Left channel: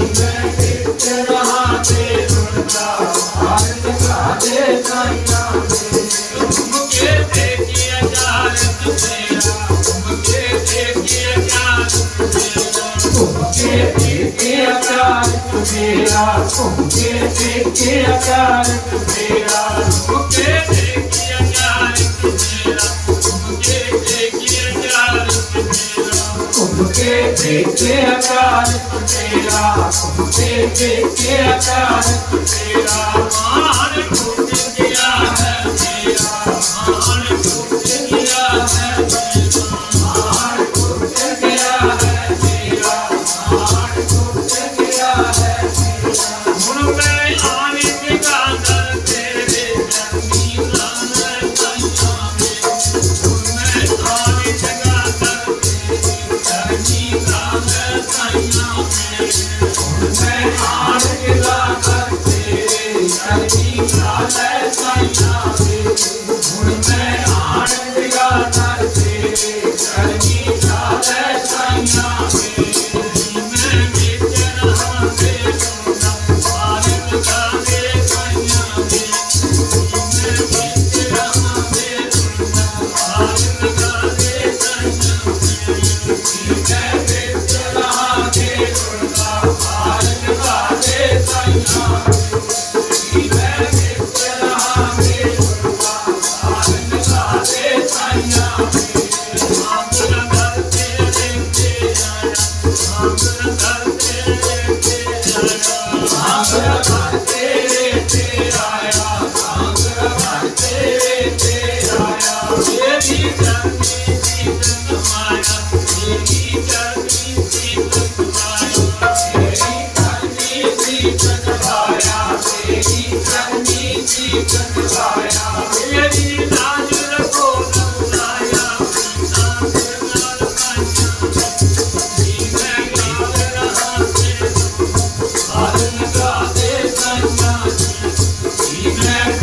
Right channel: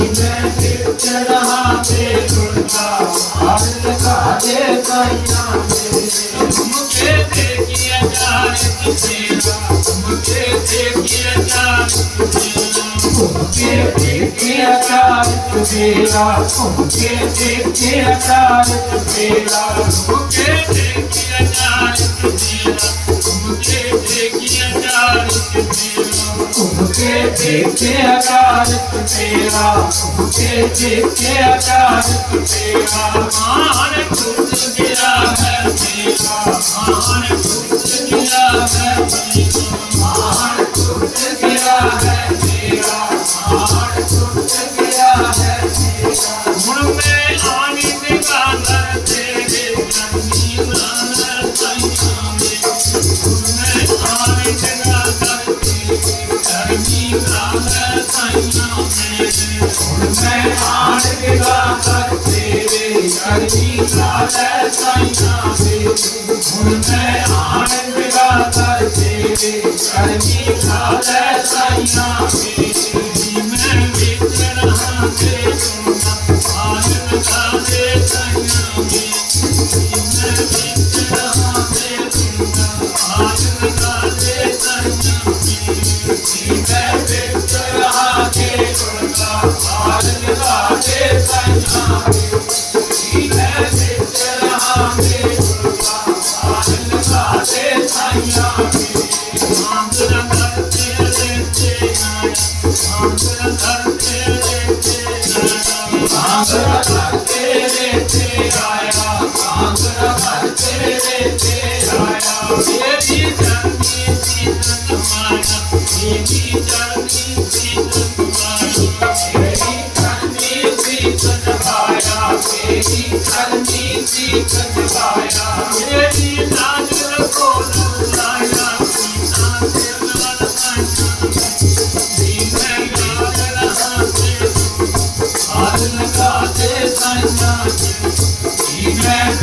ਮੈਂ ਕਿਤ ਰਹਾ ਤੇ ਸੁਣਦਾ ਹਰ ਲਗਾ ਦੇ ਸਾਈਆਂ ਮੁਕੇ ਦੇਖਿਆ ਜਾਨ ਤੇਰਾ ਮੁਕੇ ਦੇਖਿਆ ਜਾਨ ਤੇਰਾ ਕੇ ਤੇਰਾ ਕੇ ਦੇਖੇ ਆਕਾਰ ਤੁਮੇਰਾ ਕੇ ਦੇਖੇ ਆਕਾਰ ਤੁਮੇਰਾ ਮਾਨ ਟੁੱਟ ਗਿਆ ਹੈ ਤੇਰਾ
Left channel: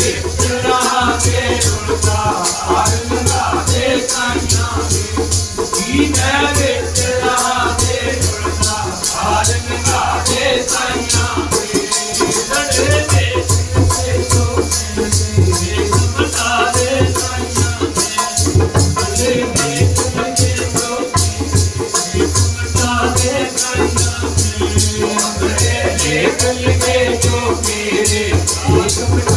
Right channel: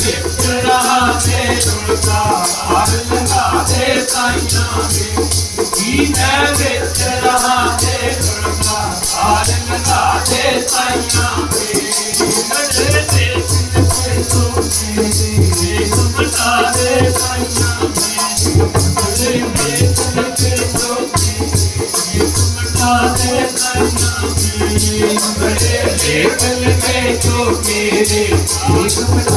ਮੈਂ ਕਿਤ ਰਹਾ ਕੇ ਸੁਣਦਾ ਹਾਰ ਦੇ ਸਾਈਆਂ ਮੈਂ ਵਿੱਚ ਰਹਾ ਕੇ ਸੁਣਦਾ ਹਾਰ ਲਗਾ ਦੇ ਸਾਈਆਂ ਨੜੇ ਦੇ ਤੇ ਸੋ ਤੇ ਸਮਤਾ ਦੇ ਸਾਈਆਂ ਦੇ ਮਹਾਰਾਜ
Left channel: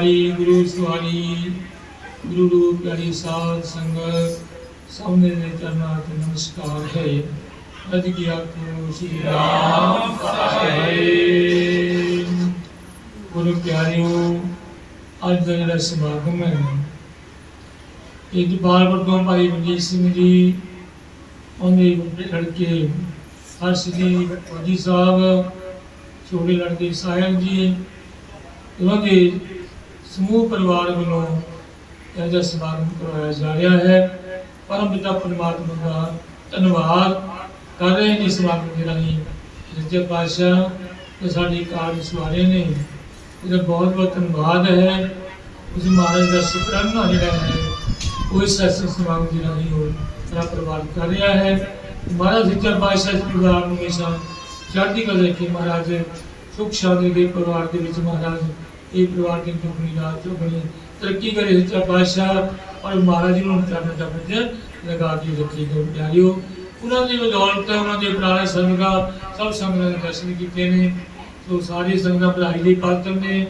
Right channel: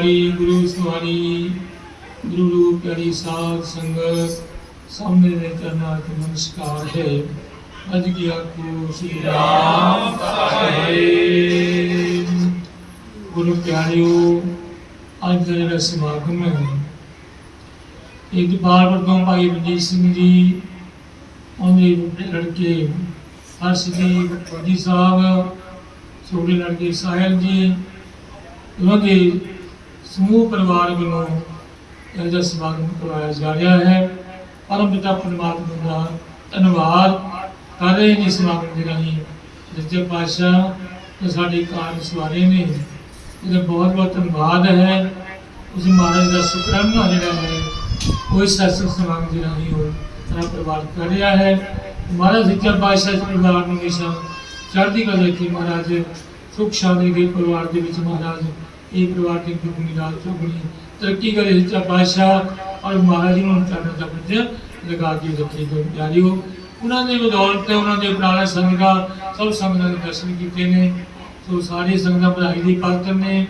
ਪਿਆਰੀ ਗੁਰੂ ਸਵਾਰੀ ਗੁਰੂ ਰੂਪ ਪਿਆਰੀ ਸਾਧ ਸੰਗਤ, ਸਾਹਮਣੇ ਦੇ ਚਰਨਾਂ ਤੋਂ ਨਮਸਕਾਰ ਹੈ। ਅਜ ਕੀ ਆਖੋ, ਸ੍ਰੀ ਰਾਮ ਸਾਹਿਬ। ਗੁਰੂ ਪਿਆਰਿਓ, ਅੱਜ ਦਾ ਜਿਹੜਾ ਸਮਾਗਮ ਹੈ ਇੱਕ ਬਾਰ ਤੋਂ ਭਾਈ ਬਲਜੀਤ ਸਿੰਘ ਜੀ ਉਹਦੇ ਲੜਕੇ ਹਰਸ਼ ਜੀ ਸਾਹਿਬ ਛੋਟੇ ਲੜਕੇ ਸਾਹਿਲ ਜੀ, ਉਹਨਾਂ ਦੇ ਸਮੂਹ ਪਰਿਵਾਰ ਵੱਲੋਂ ਇਹਦਾ ਸਮਾਗਮ ਕਰਵਾਇਆ ਜਾ ਰਿਹਾ ਹੈ। ਪਰਮ ਪਿਤਾ ਪਰਮਾਤਮਾ ਦਾ ਧੰਨਵਾਦ ਕਰ ਰਹੇ ਨੇ ਸਮਾਗਮ ਦੇ ਰਾਹੀਂ। ਸੱਚੇ ਪਾਤਸ਼ਾਹ ਤੇ ਸਾਡੇ ਕਾਰਜ ਸਵਾਰੇ ਨੇ। ਇਹਦਾ ਬਹੁਤ ਬਹੁਤ ਧੰਨਵਾਦ ਹੈ। ਉਸ ਮਹਾਰਾਜ ਦਾ ਸ਼ੁਕਰਾਨਾ ਜਿਹੜਾ ਹੈ, ਕੋਈ ਸਤਸੰਗ ਸਮਾਗਮ ਦੇ ਰਾਹੀਂ ਹੋ ਸਾਰਾ ਪਰਿਵਾਰ ਕਰ ਰਿਹਾ ਹੈ। ਮਹਾਰਾਜ ਸੱਚੇ ਪਾਤਸ਼ਾਹ ਇਸ ਪਰਿਵਾਰ ਨੂੰ ਹਮੇਸ਼ਾ ਚੜ੍ਹਦੀ ਕਲਾ ਰੱਖੇ। ਮਹਾਰਾਜ ਸੁਖ ਸ਼ਾਂਤੀ ਦੇ ਪਰਿਵਾਰ ਦੇ ਵਿੱਚ ਮਹਾਰਾਜ ਇਹ ਪਰਿਵਾਰ ਦੀ ਦੁਖਨੀ ਰਾਤ ਚੁਗਣੀ ਤਰੱਕੀ ਕਰੇ ਸੱਚਾ ਪਾਤਸ਼ਾਹ ਔਰ ਮਹਾਰਾਜ ਨੂੰ ਚਰਨ ਦਾ ਵਿੱਚ ਲਗਾ ਕੇ ਰੱਖੀ ਜੋ ਪਿਆਰਿਓ ਉਹਨਾਂ ਦੀ ਬਦੌਲਤ ਤੇ ਉਹਨਾਂ ਦੇ ਪ੍ਰਾਣਾ ਸੰਗਾਂ ਸਭ ਸੰਗਤਾਂ ਦੇ ਦਰਸ਼ਨ ਕੀਤੇ ਨੇ। ਸੋ ਸਾਰੇ ਸੰਗਤਾਂ ਵਧਾਈ ਦੇ ਪਾਤਰ ਨੇ।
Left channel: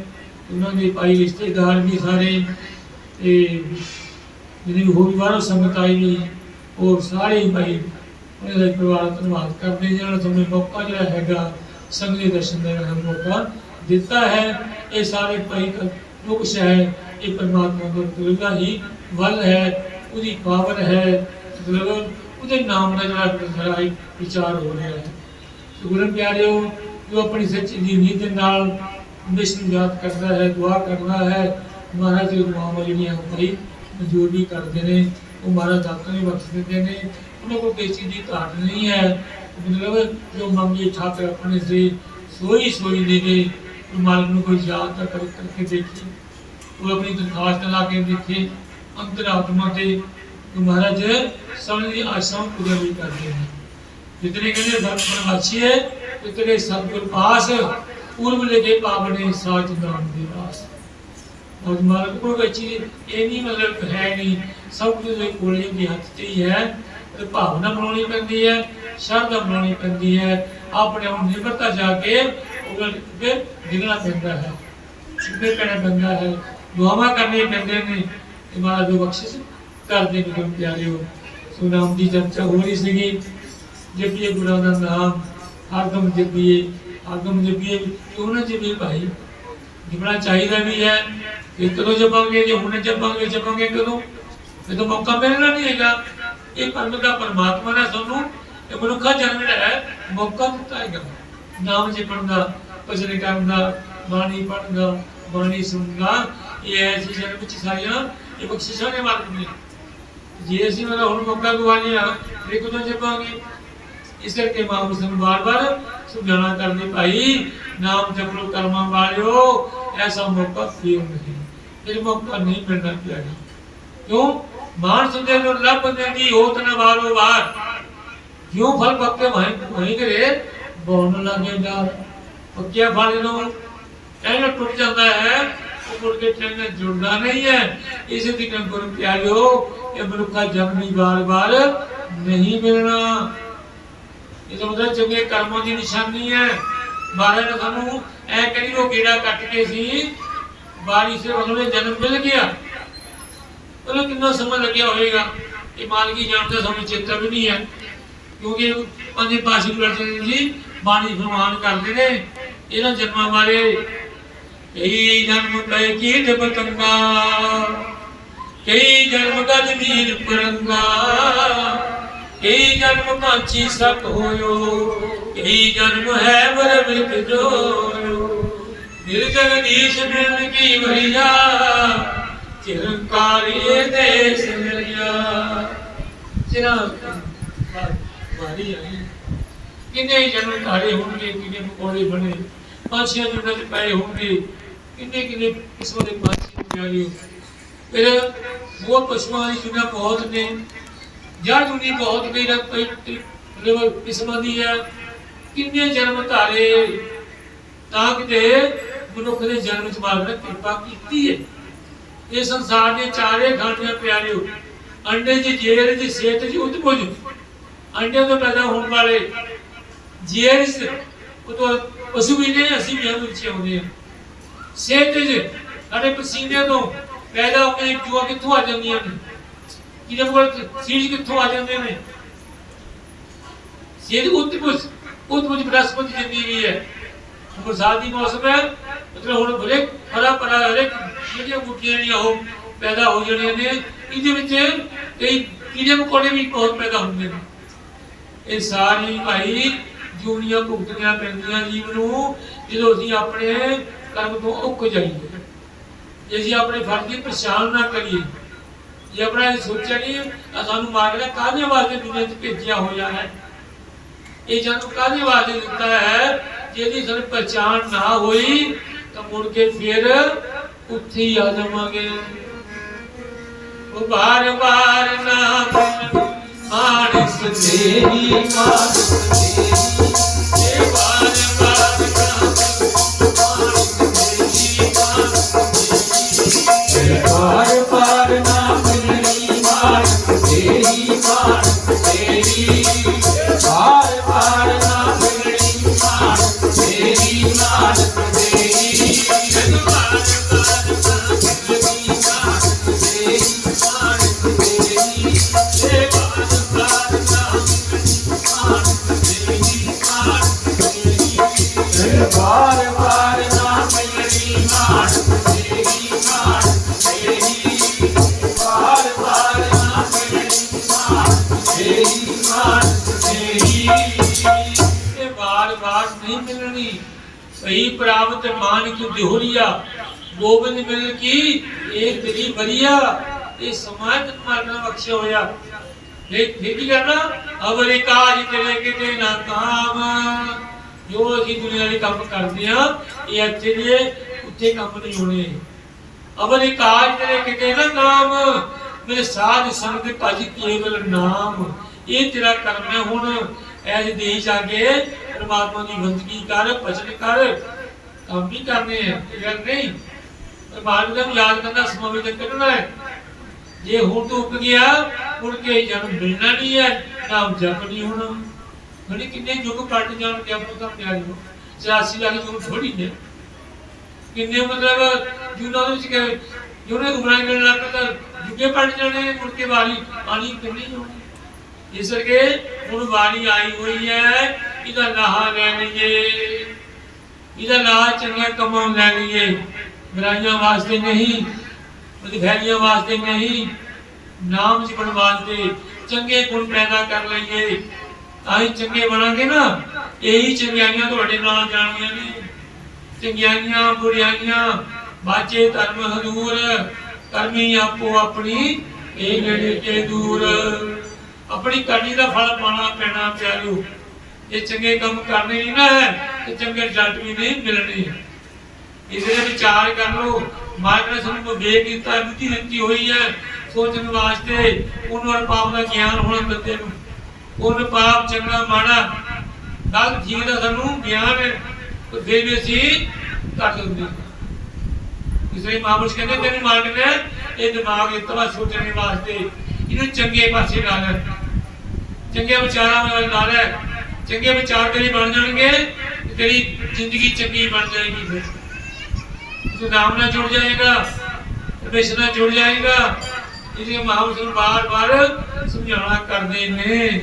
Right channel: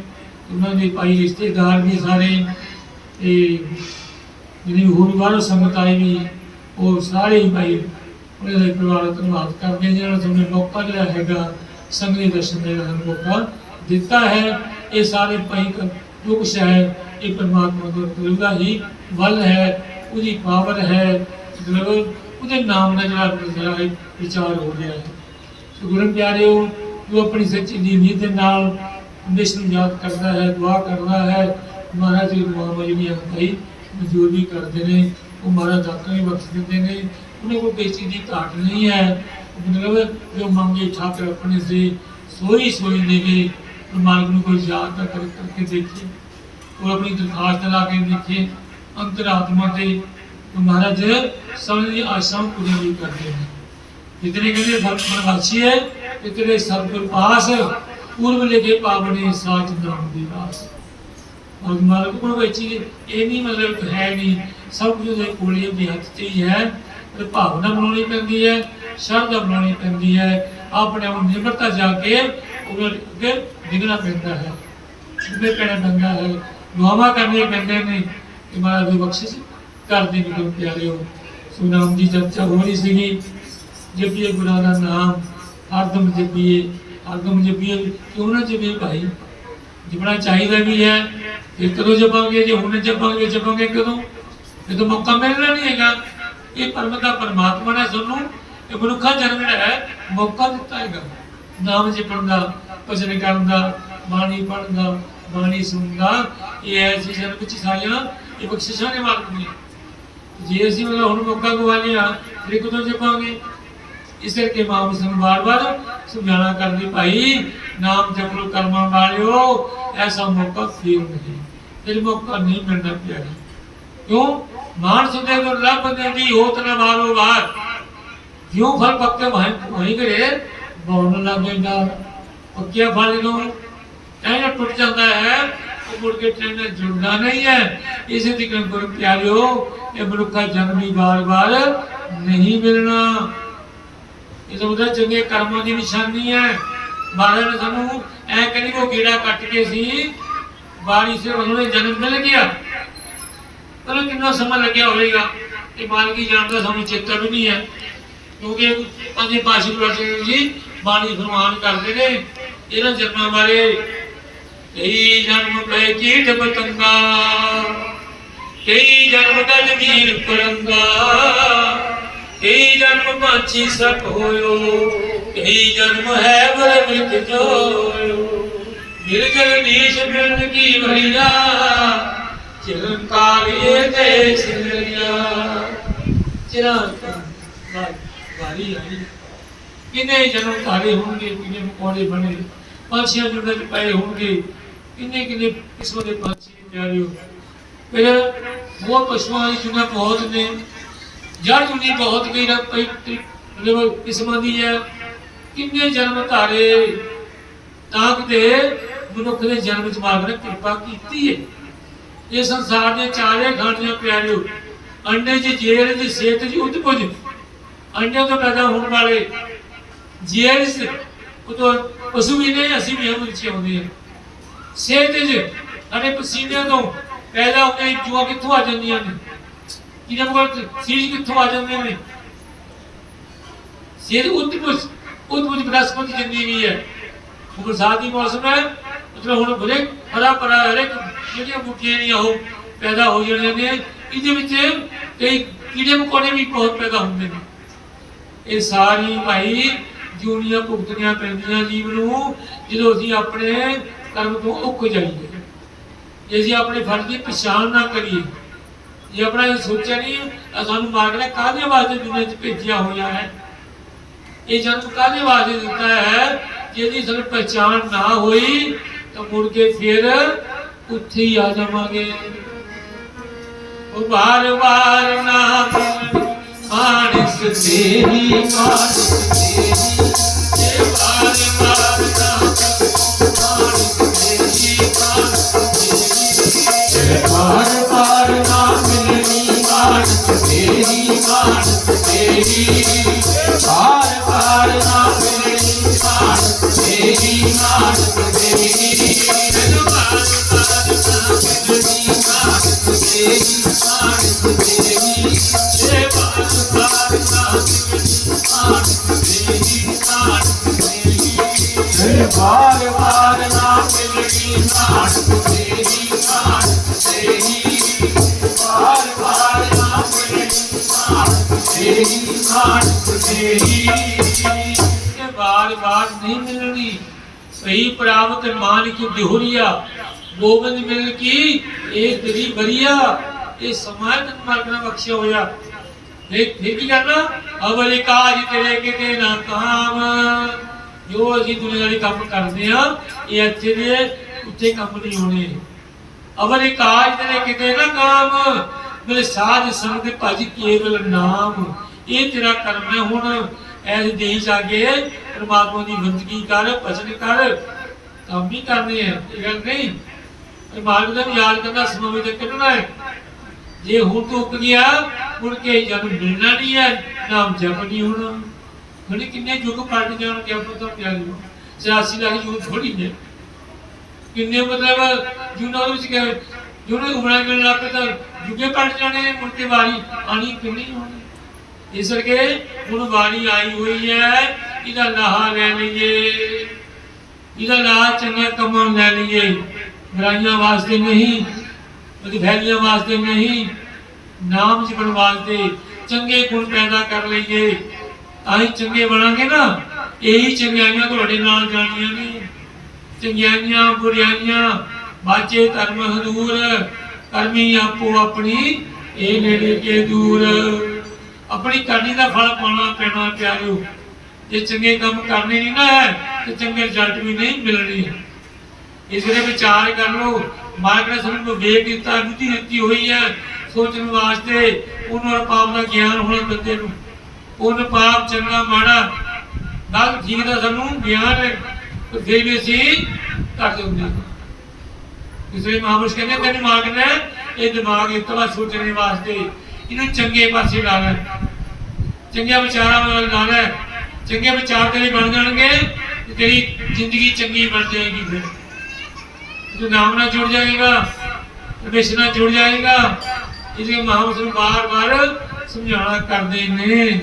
ਉਹਨਾਂ ਦੇ ਭਾਈ ਰਿਸ਼ਤੇਦਾਰ ਵੀ ਸਾਰੇ। ਤੇ ਜਿਹੜੀ ਹੋਰ ਬਾਹਰੋਂ ਸੰਗਤ ਆਈ ਵੀ, ਉਹ ਸਾਰੇ ਹੀ ਭਾਈ ਉਹਨਾਂ ਦਾ ਪਰਿਵਾਰ ਦਾ ਧੰਨਵਾਦ ਕਰਦੇ ਜਿਹੜਾ ਤੁਹਾਨੂੰ ਮੌਕਾ ਜਿਹੜਾ ਹੈਗਾ, ਸੰਗਤ ਦੇ ਦਰਸ਼ਨ ਦਾ ਜਿਹੜਾ ਮੌਕਾ ਦਿੱਤਾ ਹੈ। ਇਹ ਸਾਰੇ ਭਾਈ ਜੋ ਕੁਛ ਹੈ ਇਹ ਪਰਮਾਤਮਾ ਦਾ ਕਰੂਗਾ ਹੀ ਵੱਲ ਹੈ, ਉਹਦੀ ਪਾਵਰ ਹੈ, ਮਤਲਬ ਉਹਦੇ ਨਾਮ ਦਾ ਜਿਹੜਾ ਜਿਹੜਾ ਇਹ ਹੋ ਰਿਹਾ ਹੈ। ਸੋ ਗੁਰੂ ਪਿਆਰਿਓ, ਜੋ ਆਪਣੀ ਸੱਚੀ ਦੀ ਨੀਤ ਦੇ ਨਾਲ ਹਮੇਸ਼ਾ ਨੂੰ ਯਾਦ ਕਰਦਾ ਹੈ, ਦੁਆ ਕਰਦਾ ਹੈ, ਮਹਾਰਾਜ ਦੀ ਦੁਆਵਾਂ ਜਿਹੜੀਆਂ ਭਾਈ ਮਨਜ਼ੂਰ ਵੀ ਕਰਦੇ ਨੇ, ਉਹ ਮਹਾਰਾਜ ਦਾਤਾਂ ਵੀ ਬਖਸ਼ ਦਿੰਦੇ ਨੇ, ਉਹਨਾਂ ਕੋਲ ਕਿਸੇ ਚੀਜ਼ ਦੀ ਘਾਟ ਨਹੀਂ ਹੈ। ਮਤਲਬ ਜੋ ਮੰਗੇ ਠਾਕਰ ਆਪਣੇ ਸੇ ਸੋਈ ਸੋਈ ਦੇ ਕੇ ਮਾਲਕ ਨੂੰ ਕੋਈ ਯਾਦ ਨਾ ਕਰ, ਕਰਕੇ ਦੇਖੇ ਉਹ ਆਪਣੀ ਦਰਖਾਸਤ ਲਾ ਕੇ ਦੇਖੇ ਅੰਤਰਾਤਮਾ ਤੇ ਮਹਾਰਾਜ ਸਮਝ ਦੀ ਆਸ਼ਾ ਪੂਰੀ ਵੀ ਕਰਦੇ ਨੇ। ਜਿਤਨੇ ਕਹਿੰਦੇ ਸਤਿਗੁਰ ਹੈ ਇਤਨੇ ਸਤਿਗੁਰ ਪਾਸ, ਪੂਰਬ ਲਿਖੇ ਪਾਵਨੇ ਸਾਚ ਨਾਮ ਦੀ ਰਾਸ ਔਰ ਮਾਲਕ ਕੋਲ ਵਿੱਚ ਇਹ ਨਹੀਂ ਮਤਲਬ ਹੈ ਨਹੀਂ, ਸਭ ਕੁਝ ਦੇ ਕੋਲੇ ਦੇ ਹੱਥ 'ਚ ਹੀ ਹੈ। ਤੇ ਭਾਵਨਾ ਬਣਾਉਣੀ ਪੈਂਦੀ ਹੈ, ਸ਼ਰਧਾ ਬਣਾਉਣੀ ਪੈਂਦੀ ਹੈ, ਆਪਣੇ ਆਪ ਨੂੰ ਨਿਮਰਤਾ ਜਾ ਕੇ ਉਹ ਅੱਗੇ ਡਿਗਣਾ ਪੈਂਦਾ ਹੈ ਸਿੱਧੇ ਪੈਣਾ ਪੈਂਦਾ ਹੈ, ਦੁਆਵਾਂ ਕਰਨੀਆਂ ਪੈਂਦੀਆਂ ਨੇ ਕਿ ਮਹਾਰਾਜ ਦੀ ਬਖਸ਼ਿਸ਼ ਕਰਦੇ ਨੇ ਕੰਮ ਪਿਆਰਿਓ। ਸੋ ਦੀ ਚਰਚਾ ਹੋ ਰਹੀ ਸੀਗੀ, ਜਪੀਏ ਗੁਰਾਂ ਦਾ ਨਾਮ, ਆਗਮ ਜਪੀਏ ਆਗਮ ਜਪੀਏ, ਕਿਉਂ ਨਾ ਜਪੀਏ ਭਾਈ? ਜਪਣਾ ਚਾਹੀਦਾ ਵੀ ਹੈ, ਇਹ ਕਦੋਂ ਜਪਾਂਗੇ, ਜੇ ਹੁਣ ਜਪਾਂਗੇ ਜਪਾਂਗੇ ਕਦੋਂ? ਜਦੋਂ ਮੌਕਾ ਮਿਲਣਾ ਨਹੀਂ ਹੈਗਾ। ਇਹ ਪਰਮ ਦਾ ਪਰਮਾਤਮਾ ਨੇ ਸਾਨੂੰ, ਇਹ ਮਨੁੱਖਾ ਜਨਮ ਹੈ, ਮੌਕਾ ਦਿੱਤਾ ਹੈਗਾ। ਨਾਮ ਜਪਣ ਦਾ ਭਜਨ ਕਰਨ ਦਾ ਬਾਣੀ ਪੜ੍ਹਨ ਦਾ ਬਾਣੀ ਸੁਣਨ ਦਾ ਇਹ ਐਸੀ ਜਨਮ ਵਿੱਚ ਸਾਰੀਆਂ ਇਹ ਬਖਸ਼ਿਸ਼ਾਂ ਨੇ ਮਾਲਕ ਨੇ ਜੇ ਅਸੀਂ ਮਤਲਬ ਹੁਣ ਮੌਕਾ ਗਵਾਉਂਦੇ ਆ ਫਿਰ ਕਦੋਂ ਜਪਾਂਗੇ ਇਸ ਕਰਕੇ ਮਾਂ ਸਾਨੂੰ ਬਾਰ-ਬਾਰ ਸਮਝਾਣਾ ਕਰਦੀ ਭਾਈ ਨਾਮ ਜਪ ਲੋ ਕਰਮਾਂ ਵਾਲਿਓ ਐਸਾ ਮੌਕਾ ਫਿਰ ਨਹੀਂ ਫਿਰ ਮੌਕਾ ਨਹੀਂ ਮਿਲਣਾ ਪਿਆਗਾ ਕਿਉਂ ਮਾਨਸ ਦੇ ਨੂੰ ਲੱਭ ਦੇਂਦੀ ਹੋਤ ਨਾ ਵਾਰੋ ਵਾਰ ਕਿਉਂ ਫਲ ਪੱਕੇ ਵਹੀਂ ਵਹੀਂ ਕਰੇ ਬੋਲਣ ਲੱਗੇ ਡਰ ਪੱਕਿਆ ਫਲ ਨੂੰ ਐਨ ਟੁੱਟ ਜਾਂਦਾ ਹੈ। ਉਹ ਮੁੜ ਕੇ ਟ੍ਰੇਨ ਨਾਲ ਜੁੜਦਾ ਨਹੀਂ ਹੈ। ਇਸੇ ਦੀ ਗੁਰ ਪਿਆਰਿਓ, ਇਹ ਮਨੁੱਖਾ ਜਨਮ ਹੀ ਬਾਰ-ਬਾਰ ਨਹੀਂ ਮਿਲਣਾ। ਇਹ ਤਾਂ ਚੰਗੇ ਕਰਮਾਂ ਦੀ ਨਿਸ਼ਾਨੀ ਹੈ। ਮਹਾਰਾਜ ਨੇ ਸਾਨੂੰ ਐ ਕਰੀ ਉਹ ਗੇੜਾ ਕੱਟ ਕੇ ਸੀ ਬਾਰੀ ਸੇ ਉਹਨਾਂ ਜਨਮ ਮਿਲ ਗਿਆ। ਪਰ ਕਿੰਨਾ ਸਮਾਂ ਲੱਗਿਆ ਹੋਵੇਗਾ? ਇਹ ਮਾਲਕੀ ਜਾਣਦਾ ਸਾਨੂੰ ਚੇਤਾ ਵੀ ਨਹੀਂ ਹੈ। ਕਿਉਂਕਿ ਪੰਜੇ ਪਾਸ਼ੀ ਗੁਰੂ ਜੀ ਬਾਣੀ ਫਰਮਾਨ ਕਰਦੇ ਨੇ, ਇਹਨਾਂ ਜਨਮਾਂ ਬਾਰੇ ਕਈ ਜਨਮ ਪਏ ਕੀਟ ਬਤੰਗਾ ਕਈ ਜਨਮ ਗਜ ਵੀਰ ਪਰੰਗਾ, ਕਈ ਜਨਮ ਪਾਛੀ ਸਕ ਹੋਇਓ, ਕਈ ਜਨਮ ਹੈ ਬੁਰ ਵਿੱਚ ਜੋਇਓ। ਮਿਲ ਜਗਦੀਸ਼ ਮਿਲ ਕੀ ਭਈਆ ਚਿਰੰਕਾਰੀਏ ਤੇ ਸਿੰਗਰੀਆ ਚਿਰਾਂ ਵਾਰੀ ਆਈ। ਕਿੰਨੇ ਜਨਮ ਧਾਰੇ ਹੋਣਗੇ, ਕਿੰਨੇ ਮਕੌੜੇ ਬਣੇ, ਪਾਛੀਆਂ ਜੁੜੇ ਪਏ ਹੋਣਗੇ, ਕਿੰਨੇ ਕਿੰਨੇ ਕਿਸਮ ਦੇ ਪਾਛੀ ਪਿਆਰਿਓ ਫਿਰ ਉਹ ਪਸ਼ੂਆਂ ਦੀ ਚੁਣਾ ਬਹੁਤ ਨੇ। ਜੜ ਜੁਨੀ ਬਹੁਤ ਕਈ ਰਕ ਮਤਲਬ ਕਿਸਮਾਂ ਦੀ ਹੈ। ਕਿੰਨੇ ਜਨਮ ਧਾਰੇ, ਤਾਂ ਕਿਤੇ ਮਨੁੱਖ ਦੇ ਜਨਮ ਚ ਮਾਲਕ ਨੇ ਕਿਰਪਾ ਕੀਤੀ ਹੈ। ਇਹ ਸੰਸਾਰ ਦੇ ਚਾਰੇ ਖਾਣੀਆਂ ਪਿਆਰਿਓ, ਅੰਡੇ ਚ ਜੇਰ ਦੀ ਸਿਹਤ ਚ ਉਤਪੁਜ ਅੰਡੇ ਤੋਂ ਪੈਦਾ ਹੋਣ ਵਾਲੇ ਜੇਰ ਤੋਂ ਪਸ਼ੂ ਵੀ ਨੇ ਅਸੀਂ ਵੀ ਉਹਦੇ ਵਿੱਚ ਆਉਂਦੇ ਹਾਂ ਸਿਹਤ ਚ ਸਾਡੇ ਪਸੀਨੇ ਤੋਂ ਪੈਦਾ ਹੋ ਕੇ ਜੂਆ ਕਿੱਥੋਂ ਆ ਜਾਂਦੀਆਂ ਨੇ ਕਿਹਦੇ ਕੋਲ ਸੀਜ ਕਿੱਥੋਂ ਆ ਜਾਂਦੇ ਨੇ ਸਿਹਤ ਉਤਪੁਜ ਉਤਪੁਜ ਬ੍ਰਹਸਪਤੀ ਜਿੰਦੀ ਵੀ ਹੈ ਬਰਸਾਤ ਦੀ ਮੌਸਮ ਹੈ ਮਤਲਬ ਹੁਣ ਬੜੇ ਹਰਾ ਭਰਾ ਹਰੇਕ ਜਿਹੜੀਆਂ ਬੂਟੀਆਂ ਨੇ ਉਹ ਪੈਦਾ ਹੋ ਜਾਂਦੀਆਂ ਨੇ ਇਹਦੇ ਵਿੱਚ ਕਈ ਕੀੜੇ ਮਕੌੜੇ ਵੀ ਬਹੁਤ ਪੈਦਾ ਹੁੰਦੇ ਨੇ ਇਹ ਸਾਰੀ ਭਾਈ ਜੂਨੀਆਂ ਭੁਗਤਣੀਆਂ ਪੈਂਦੀਆਂ ਜੀਵ ਨੂੰ, ਜਦੋਂ ਅਸੀਂ ਆਪਣੇ ਕਰਮ ਤੋਂ ਉੱਕ ਜਾਈਏ। ਜੇ ਅਸੀਂ ਆਪਣੇ ਫਰਜ਼ ਦੀ ਪਛਾਣ ਨਾ ਕਰੀਏ, ਜੇ ਆਪਣਾ ਸੋਚਿਆ ਨਹੀਂ ਸਾਨੂੰ ਮਾਰਗ ਕਾਹਦੇ ਵਾਸਤੇ ਦੁਨੀਆ 'ਚ ਭੇਜਿਆ ਹੋਇਆ ਹੈ? ਇਹ ਜਨਮ ਕਾਹਦੇ ਵਾਸਤੇ ਦਿੱਤਾ ਹੈ? ਜਿਹਦੀ ਸਾਨੂੰ ਪਛਾਣ ਨਾ ਹੋਈ, ਤਾਂ ਮੁੜ ਕੇ ਫਿਰ ਉੱਥੇ ਹੀ ਆ ਜਾਵਾਂਗੇ। ਉਬਾਰ ਉਬਾਰ ਨਾਮ ਮਾਨਸ ਤੇਰੀ ਮਾਨਸ ਤੇਰੀ ਇਹ ਬਾਰ ਬਾਰ ਨਾਮ ਮਾਨਸ ਤੇਰੀ ਮਾਨਸ ਤੇਰੀ ਬਾਰ ਬਾਰ ਨਾ ਮਿਲਣੀ ਮਾਨਸ ਤੇਰੀ ਮਾਨਸ ਤੇਰੀ ਬਾਰ ਬਾਰ ਨਾ ਮਿਲਣੀ ਮਾਨਸ ਤੇਰੀ ਮਾਨਸ ਤੇਰੀ ਬਾਰ ਨਾ ਮਿਲਣੀ ਮਾਨਸ ਤੇਰੀ ਮਾਨਸ ਤੇਰੀ ਬਾਰ ਬਾਰ ਨਾ ਮਿਲਣੀ ਮਾਨਸ ਤੇਰੀ ਮਾਨਸ ਤੇਰੀ। ਇਹ ਬਾਰ ਬਾਰ ਨਹੀਂ ਮਿਲਣੀ। ਸਹੀ ਪ੍ਰਾਪਤ ਮਾਨ ਕੀ ਦਿਹੁਰੀਆ, ਗੋਬਿੰਦ ਮਿਲ ਕੀ? ਇਹ ਤੇਰੀ ਬਰੀਆ, ਇਹ ਸਮਾਜ ਮਾਰਗਣਾ ਬਖਸ਼ਿਆ ਹੋਇਆ। ਦੇਖ ਦੇਖ ਕੀ ਕਰਨਾ। ਅਵਰੇ ਕਾਜ ਤੇਰੇ ਕਿਤੇ ਨਾ ਕਾਮ। ਜੋ ਅਸੀਂ ਦੁਨੀਆਵੀ ਕੰਮ ਕਰਦੇ ਆ ਇਹ ਇੱਥੇ ਦੇ ਉੱਥੇ ਕੰਮ ਨਹੀਂ ਹੋਣੇ। ਅਵਰ ਇਹ ਕਾਜ ਤੇਰੇ ਕਿਤੇ ਨਾ ਕਾਮ ਮੇਰੇ ਸਾਧ ਸੰਗ ਭਜ ਕੇਵਲ ਨਾਮ। ਇਹ ਤੇਰਾ ਕਰਮ ਹੈ ਹੁਣ। ਐਸ ਦੇਸ਼ ਆਗੇ ਪਰਮਾਤਮਾ ਦੀ ਬੰਦਗੀ ਕਰ, ਭਜਨ ਕਰ, ਕੰਮ ਵੀ ਕਰਨੇ ਆ। ਇਹ ਗੱਲ ਨਹੀਂ। ਪਰਮਾਤਮਾ ਨੂੰ ਯਾਦ ਕਰਨਾ ਸਮੇਂ ਤੇ ਕੱਢਣਾ ਹੈ। ਜੇ ਹੁਣ ਤੋਂ ਉੱਕ ਗਿਆ ਹੁਣ ਕੇ ਜਨਮ ਮਿਲਣਾ ਨਹੀਂ ਹੈ, ਨਾਮ ਜਪ ਨਹੀਂ ਹੋਣਾ। ਬੜੀ ਕਿੰਨੇ ਯੁੱਗ ਪਲਟ ਜਾਣ ਆਪਾਂ ਤਾਂ ਪਿਆਰੀ 84 ਲੱਖ ਯੁੱਗ ਥੋੜੀ ਹੈ ਕਿੰਨੇ ਮਤਲਬ ਜੁਨਾ ਦੇ ਵਿੱਚ ਕਹੇ ਜੁਨੇ ਉਮਰਾਂ ਮਿਲਣ ਲੱਗ ਤਾਂ ਯੁੱਗੇ ਪਲਟ ਜਾਣੇ, ਮੁੜ ਕੇ ਵਾਰੀ ਆਣੀ ਕਿੰਨੀ ਹੋਣੀ? ਇਸ ਕਰਕੇ ਹੁਣ ਵਾਰੀ ਆਈ ਹੋਈ ਹੈ, ਇਹਦਾ ਲਾਹਾ ਲੈ ਲਈਏ। ਇਹਦਾ ਲਾਹਾ ਚੰਗੇ ਕੰਮਾਂ ਲੈ ਲਈਏ। ਬੁਰਾਈਆਂ ਵਾਸਤੇ ਨਹੀਂ ਵਧਾਈਆਂ ਵਾਸਤੇ ਨਹੀਂ, ਨਾਮ ਜਪਣ ਵਾਸਤੇ ਚੰਗੇ ਗੁਣ ਪੈਦਾ ਕਰ ਲਈਏ। ਅਸੀਂ ਚੰਗੇ ਬਣਾਂਗੇ ਨਾ, ਇਹੀ ਚੰਗਿਆਈਆਂ ਤੁਹਾਡੇ ਨਾਲ ਜਾਣੀਆਂ ਨੇ। ਚੰਗਿਆਈਆਂ ਬੁਰਾਈਆਂ ਬਾਚੇ ਧਰਮ ਹਦੂਰ ਕਰਮੀ ਆਪੋ ਆਪਣੀ, ਇਹ ਨੇੜੇ ਕੇ ਦੂਰ। ਆਪਣੀ ਕਰਨੀ ਦਾ ਫਲ ਪਾਣਾ ਪੈਣਾ ਪਿਆਰਿਓ ਜੇ ਚੰਗੇ ਕੰਮ ਕਰਨੇ ਨਹੀਂ ਨਾ ਹੈ ਤੇ ਚੰਗੇ ਰਿਜ਼ਲਟ ਵੀ ਨਹੀਂ ਮਿਲਣੇ। ਇਸ ਦੇ ਵਿਚਾਰ ਕਰ ਲਓ। ਮਾਇਆ ਨੇ ਸਾਨੂੰ ਵਿਵੇਕ ਦਿੱਤਾ, ਬੁੱਧੀ ਦਿੱਤੀ ਹੋਈ ਹੈ। ਸੋਚਣ ਵਾਸਤੇ ਉਹਨਾਂ ਪਾਪ ਦਾ ਗਿਆਨ ਹੋਣਾ ਬੰਦੇ ਨੂੰ। ਉਹਨ ਪਾਪ ਚੰਗਾ ਮਾੜਾ ਗਲਤ ਠੀਕ ਦਾ ਸਾਨੂੰ ਗਿਆਨ ਹੈ ਤੇ ਫਿਰ ਵੀ ਅਸੀਂ ਕਰ ਦਿੰਦੇ ਹਾਂ ਇਸੇ ਕਹਿੰਦੇ, ਤੈਨੂੰ ਮਾਲਕ ਨੇ ਇਹ ਦਿਮਾਗ ਇਹ ਸੋਚਣੇ ਵਾਸਤੇ। ਇਹਨੂੰ ਚੰਗੇ ਪਾਸੇ ਲਾ ਲੈ। ਚੰਗੇ ਵਿਚਾਰਾਂ ਨਾਲ ਲਾ ਲੈ। ਚੰਗੇ ਵਿਚਾਰ ਤੇਰੀ ਬਣ ਜਾਣਗੇ ਤੇਰੀ ਜ਼ਿੰਦਗੀ ਚੰਗੀ ਬਣ ਜਾਏਗੀ ਫਿਰ। ਜੋ ਨਾਮ ਨਾਲ ਜੁੜ ਜਾਏਗਾ, ਪਰਮੇਸ਼ਰ ਨਾਲ ਜੁੜ ਜਾਏਗਾ। ਇਸ ਲਈ ਮਹਾਂਪੁਰਸ਼ ਨੂੰ ਬਾਰ-ਬਾਰ ਸਮਝਾਉਣਾ ਕਰਦੇ ਨੇ।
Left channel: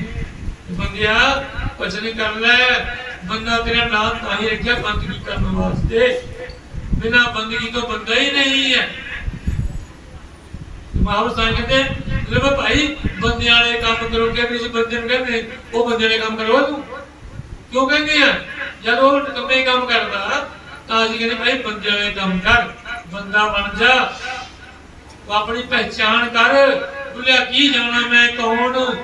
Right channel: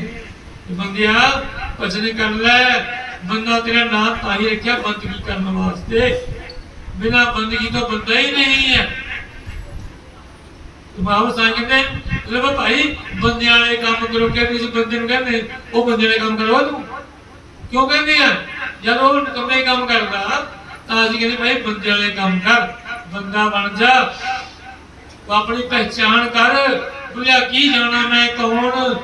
ਬੰਦਿਆ, ਭਜਨ ਕਰ ਲੈ। ਬੰਦਾ ਤੇਰਾ ਨਾਮ ਤਾਂ ਹੀ ਰੱਖਿਆ ਬੰਦਗੀ ਕਰਨ ਵਾਸਤੇ। ਬਿਨਾ ਬੰਦਗੀ ਤੋਂ ਬੰਦਾ ਹੀ ਨਹੀਂ ਹੈ। ਮਾਹੌਲ ਸਾਂ ਕਹਿੰਦੇ ਲੈ ਭਾਈ ਬੰਦੇ ਵਾਲੇ ਕੰਮ ਕਰੋ ਕਿ ਕਿਸੇ ਬੰਦੇ ਨੂੰ ਕਹਿੰਦੇ, ਉਹ ਬੰਦੇ ਵਾਲੇ ਕੰਮ ਕਰੋ ਤੂੰ। ਕਿਉਂ ਕਹਿੰਦੇ ਆ? ਜਦ ਉਹ ਕੰਮੇ ਕੰਮ ਕਰਦਾ, ਤਾਂ ਅਸੀਂ ਕਹਿੰਦੇ, ਭਾਈ ਬੰਦੇ ਵਾਲੇ ਕੰਮ ਕਰ। ਬੰਦਾ ਬਣ ਜਾ। ਤੂੰ ਆਪਣੀ ਪਹਿਚਾਣ ਕਰ। ਬੁਲਿਆ, ਕੀ ਜਾਣਾ, ਮੈਂ ਕੌਣ?